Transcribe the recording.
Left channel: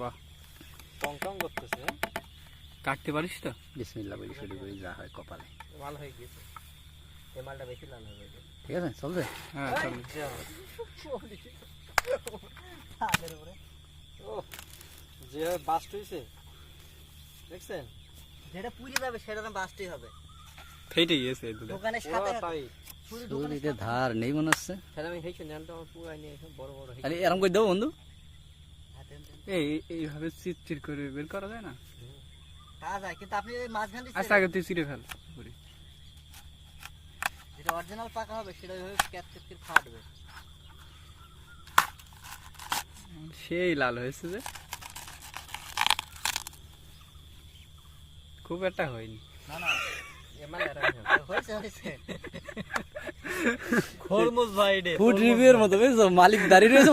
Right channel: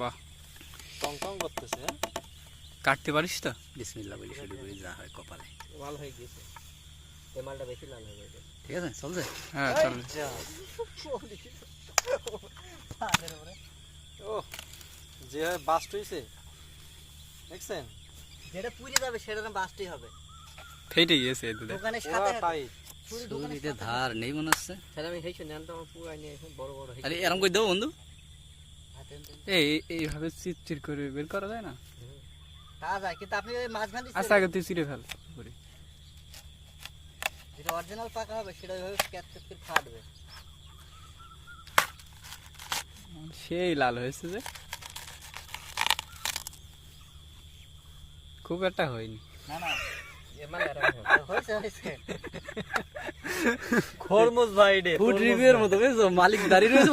বাহ, টং করতেছে। কাটতে পারিস তো? বিসমিল্লাহ বলি শুরু করি, যা হয় কপালে। লাল হয়ে গেছে, এই মালটা বেশি লাল হয়ে গেছে। ঠিক আছে, চলছে। হ্যাঁ চল। ও যে বাস্ট হইছে দেখছেন, যেটা পুড়ে যাবে সেরকম বাস্টই হবে। ফেটে গিয়েছে এই দুধে। দোকানের পুরা সাথে টাইট। ছুরিতে ধার নেই মনে হচ্ছে। তাহলে আমি হেইছে নেন তো আমার পুরা নিয়ে এসে বড় বড় হয়ে আরে এরকম করে দেবো বন্ধু। এইভাবে চিরচির করে বের করা যায় না? তা যায়, কিন্তু আপনি ওই মাঝখান দিয়ে আচ্ছা আগে তুই চিরে ফেল পুরি। যেটা অরিজিনাল পাকা হবে সেটা ওইভাবে ক্যাচ করে ফাটবে। সেই লাল হয়েছে যে, খুব একটা হয়নি। না না এ মাল আর হয়েছে খরমুজ ভাই রে ফুড রিভিউর মতো বুঝছো, মালিক দাঁড়িয়ে রয়েছে।